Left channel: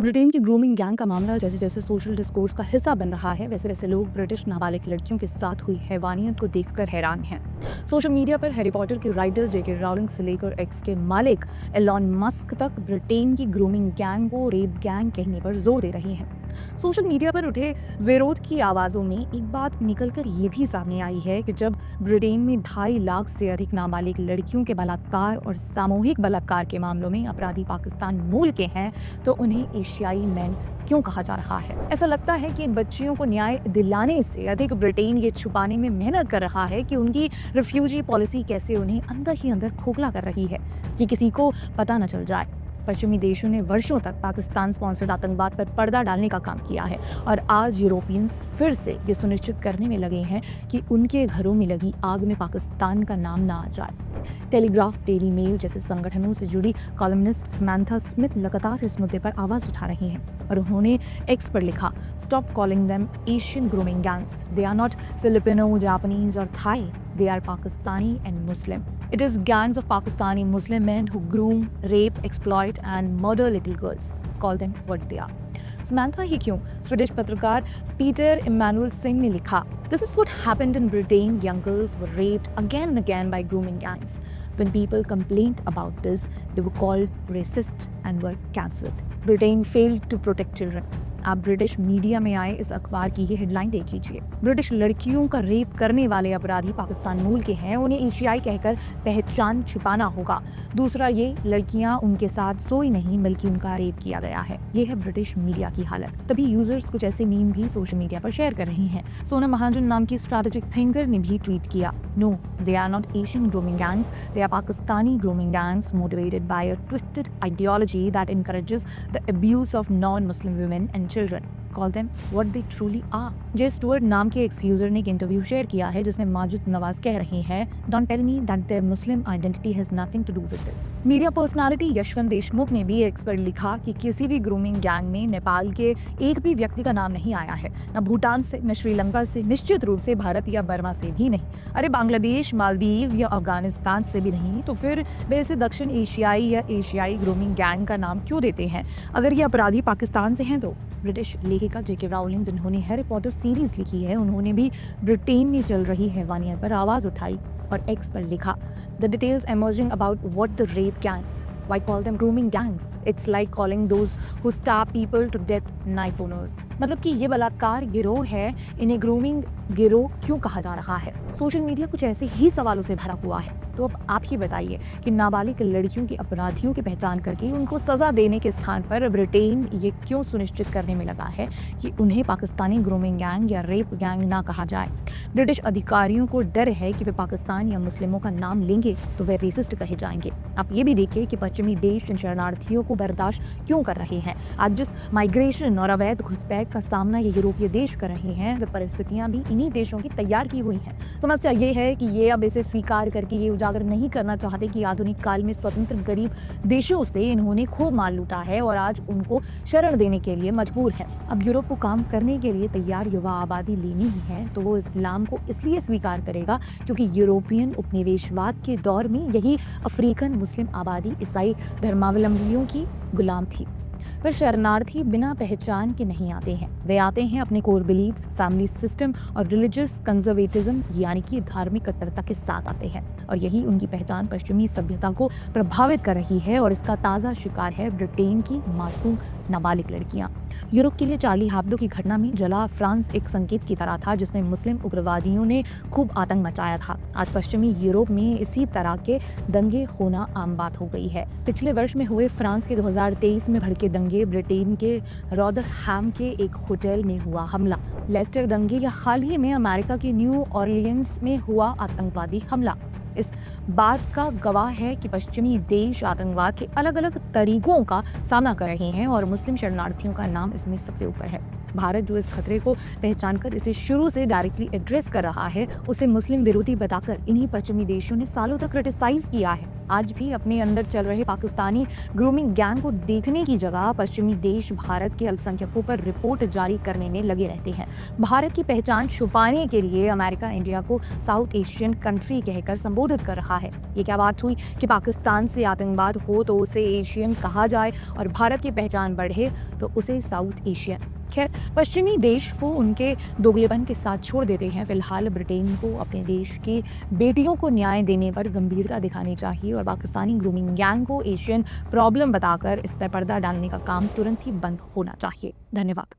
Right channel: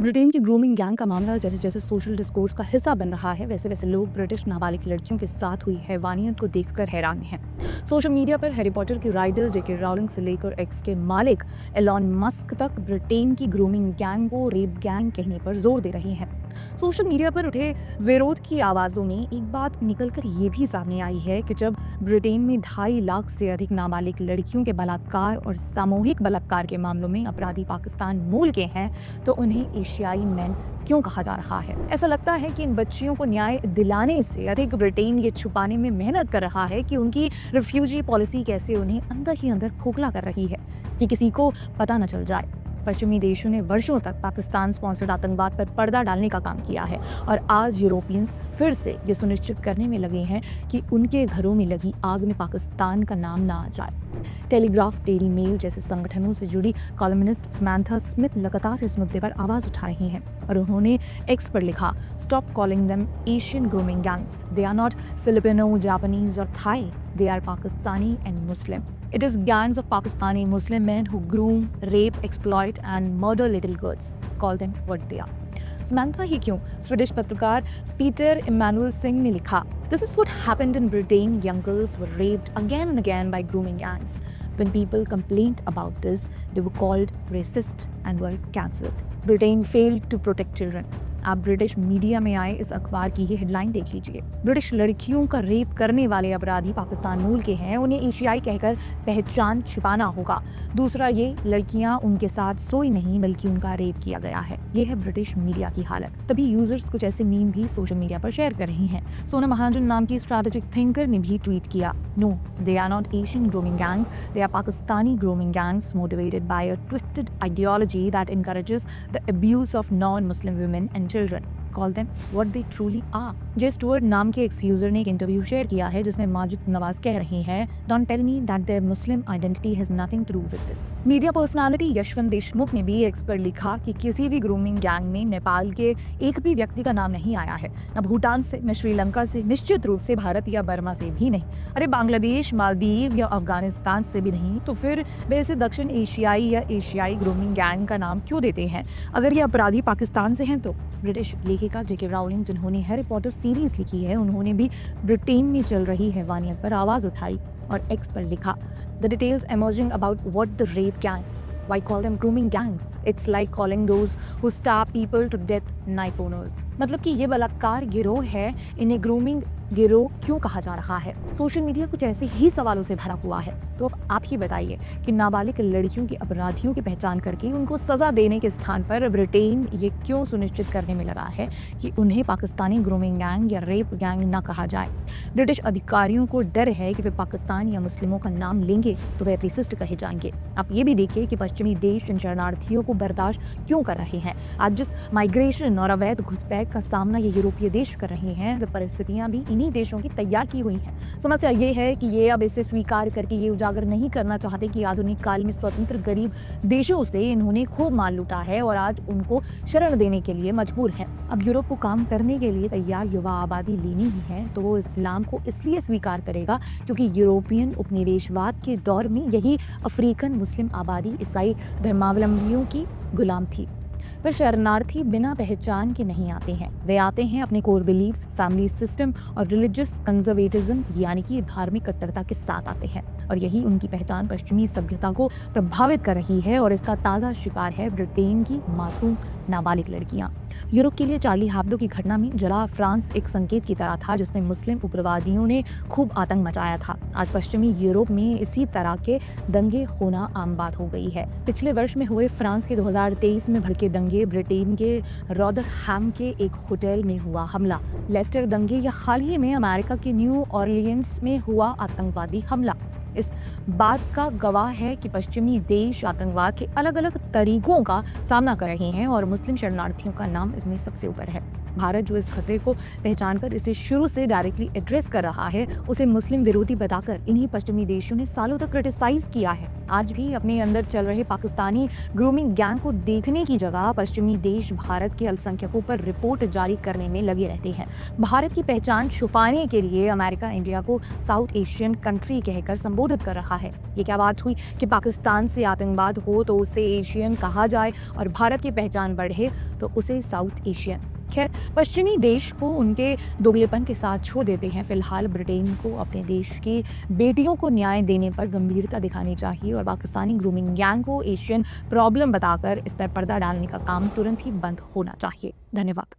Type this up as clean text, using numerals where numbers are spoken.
Britain की grooming gang का मामला जैसे जैसे सोशल डिस्कोर्स का हिस्सा बन रहा है, वैसे वैसे लोग ब्रिटिश नाबालिग लड़कियों के साथ हुई हैवानियत को देखकर हैरान हैं। सोशल मीडिया पर हैरी पॉटर के राइटर जेके राउलिंग से लेकर एक्स के मालिक एलॉन मस्क तक ब्रिटेन की ग्रूमिंग गैंग को रेप गैंग कहने पर जोर दे रही हैं। सोशल मीडिया पर उठे विरोध की आवाजों में एक बात निकलकर ये भी सामने आई है कि जब ब्रिटेन में 2.5 लाख से अधिक नाबालिग लड़कियों के बलात्कार और सामूहिक बलात्कार के मामलों में अपराधी पाकिस्तान मूल के हैं, तो उन्हें एशियाई मैन क्यों कहा जा रहा है। ऐसा लगता है कि इन बच्चियों को न्याय दिलाने से अधिक ब्रिटेन ये छुपाने में मेहनत कर रहा है कि उनकी रिफ्यूजी पॉलिसी कैसे उन्हें अंदर ही अंदर खोखला कर रही है, कि किसी को पता न चल जाए। पश्चिमी देशों ने वर्षों तक पाकिस्तान स्पॉन्सर्ड आतंकवाद पर पर्दा डालने का काम किया है और आज यूरोपियंस फिर से ये सुनिश्चित करने में लगे हैं कि उनके घरों में लगी आग में पाकिस्तान का नाम ना आ जाए। टेलीग्राफ, डेली मेल जैसे संगठनों से जुड़ी कॉलमनिस्ट समंथा स्मिथ लगातार इस मुद्दे पर आवाज उठा रही हैं और उन्होंने एक्स पर लिखा, stop calling them Asian grooming gangs, they are not Filipino, Japanese और Thai, they are Pakistani and Muslim. It is gangs of Pakistani Muslim men who groom, rape, exploit and murder little girls. Call them what they are. Samantha ही क्यों, Swedish पत्रकार Peter Emmanuel Singh ने लिखा, This is what happened in Britain. Young girls were raped again and again by grooming gangs. When people complained about this, they were called racist and were cancelled. Britain failed to protect children. आप British media में आए इस अखबार की ही headline देख लीजिए। British लड़कियों का रेप करने वाले अपराधी पाकिस्तान मूल के हैं, उन्हें एशियाई कहकर पहचान छिपाना होगा। दूसरा, ये लड़कियां उनके साथ सोई नहीं बल्कि उनका रेप किया गया है। यह है ब्रिटिश मीडिया की हालत। तभी यूजर्स कुछ ऐसे मीम भी सोशल मीडिया पर शेयर कर रही हैं। सोना महाजन नाम की स्ट्रैटेजिक थिंकर ने भी ट्वीट किया, no, they are not Asian grooming gangs, they are Pakistani grooming gangs motivated by a twisted ideology that encourages the abuse of non-Muslim women and children. Call them what they truly are. J Stuart नाम के x user ने एक interview share किया है जिसमें माजिद नवाज कह रही है, Don't tell me that their Muslim identity has nothing to do with this. Media personality Yashwant Deshmukh ने भी एक्स पर लिखा कि किसी भी ग्रूमिंग गैंग में नेपाल के एक भी व्यक्ति का नाम नहीं आया है, न भूटान से, न श्रीलंका से, निश्चित रूप से भारत या बर्मा से भी नहीं। अरे बांग्लादेश, मालदीव या अफगानिस्तान से भी नहीं, तो फिर वे इसे दक्षिण एशियाई या एशियाई ग्रूमिंग गैंग का नाम क्यों देते हैं? अगर ये अपराधी पाकिस्तान से हैं तो ब्रिटिश लेखिका जेके राउलिंग, जिन्होंने हैरी पॉटर सीरीज लिखी है, उन्होंने भी ब्रिटेन में चल रही हैवानियत पर आवाज उठाई और एक्स पर लिखा, the details emerging about what the rape gangs, why call them grooming gangs? It's like calling those who stab people to death knife owners. मतलब कि ये बलात्कार गिरोह है, इन्हें ग्रूमिंग गिरोह क्यों कहा जा रहा है? सोशल मीडिया कुछ ऐसे ही सवालों से भरा हुआ है। तो अब आप ही बताइए कि नाबालिग लड़कियों के अपराधियों की पहचान करके उनको सजा देने के स्थान पर ब्रिटेन ये क्यों सुनिश्चित करने में लगा है कि उन्हें पाकिस्तानी ग्रूमिंग गैंग या रेप गैंग ना कहा जाए? ब्रिटिश अधिकारियों को डर है कि वे पाकिस्तान या मुस्लिमों का नाम लेंगे तो वे रेसिस्ट कहे जाएंगे। आप ये भी देखिए कि पश्चिमी देश इन शरणार्थियों को बर्दाश्त क्यों कर रहे हैं। आज जिस माइग्रेशन और अवैध घुसपैठ का सामना ये यूरोपीय देश कर रहे हैं, वे परिस्थितियां भी इन्हीं देशों की तैयार की हुई हैं। समस्या ये है कि ये अब इसे स्वीकार करके ये उजागर नहीं करना चाहते कि आधुनिक काल में स्वतंत्र गरीब देशों से इन्होंने खूब माल लूटा है और आज उनको शरण देने के लिए मजबूर है। अब यूरोप को काम करने के लिए तैयार युवा आबादी लेनी ही है तो वो इस्लाम को इसलिए स्वीकार करेगा क्योंकि यूरोपियन उपनिवेशवाद के दौर में यही अफ्रीकन मुस्लिम आबादी ईसाई धर्मावलंबियों की गुलाम थी। वे शरणार्थी बिना पहचान के नहीं आते हैं, वे आते हैं अपने कोर बिलीफ्स, फैमिली सिस्टम और रिलीजियस कंजर्वेटिज्म यानी कि धार्मिक कट्टरता के साथ आते हैं और यही उनकी पहचान पश्चिमी सभ्यता को प्रभावित कर रही है और इसका ताज़ा शिकार है ब्रिटेन की मासूम नाबालिग लड़कियां। यूरोप के लिए चार्ली हैब्डो की घटना में जरा फ्रांस एक संकेत की तरह था जिसमें मुस्लिम उग्रवादियों ने खूब आतंक मचाया था। आज पश्चिमी यूरोप में इसी तरह के दंगे होना आम बात हो गई है। पिछले वर्ष में हुए फ्रांस के 2023 में भड़के दंगे, ब्रिटेन के रॉदरहैम के एक होटल में हुआ हमला, लेस्टर दंगे या हाल ही में अमेरिका के न्यू ऑरलियंस में हुआ आतंकवादी हमला इस बात का गवाह है कि पश्चिमी देश आतंकवाद के अलग अलग तरीकों का सामना कर रहे हैं और मुस्लिम शरणार्थियों का नाम इसमें सबसे ऊपर है। भारत जो इस खतरे को पहचान कर इसे शुरू से डायरेक्टली एड्रेस कर रहा है, उसे मुस्लिम विरोधी बताकर इन्हीं पश्चिमी देशों ने सालों तक क्रिटिसाइज किया है। आज भी अपने अंदर चल रहे पाकिस्तानी ग्रूमिंग गैंग को देखने की जगह पश्चिमी देश भारत के अल्पसंख्यकों पर रिपोर्ट जारी करने में लगे रहते हैं। भारत की पहचान छुपाने के लिए अमेरिका इंडिया को साउथ एशियन कंट्री कहकर संबोधित कर रहा है। ये क्या बात हुई कि पाकिस्तान से आतंकवाद हो तो उसे एशियन कहा जाए और भारत की पहचान बढ़े तो उसे साउथ एशियन। खैर, पश्चिमी देश को उनके दोगलेपन के साथ छोड़ देते हैं। फिलहाल ब्रिटेन को अपने देश की बेटियों को न्याय देने पर गंभीरता दिखानी चाहिए और पाकिस्तानी ग्रूमिंग गैंग को एशियन प्रॉब्लम बताकर इस पर पर्दा डालने का काम तुरंत ही बंद होना चाहिए। धन्यवाद।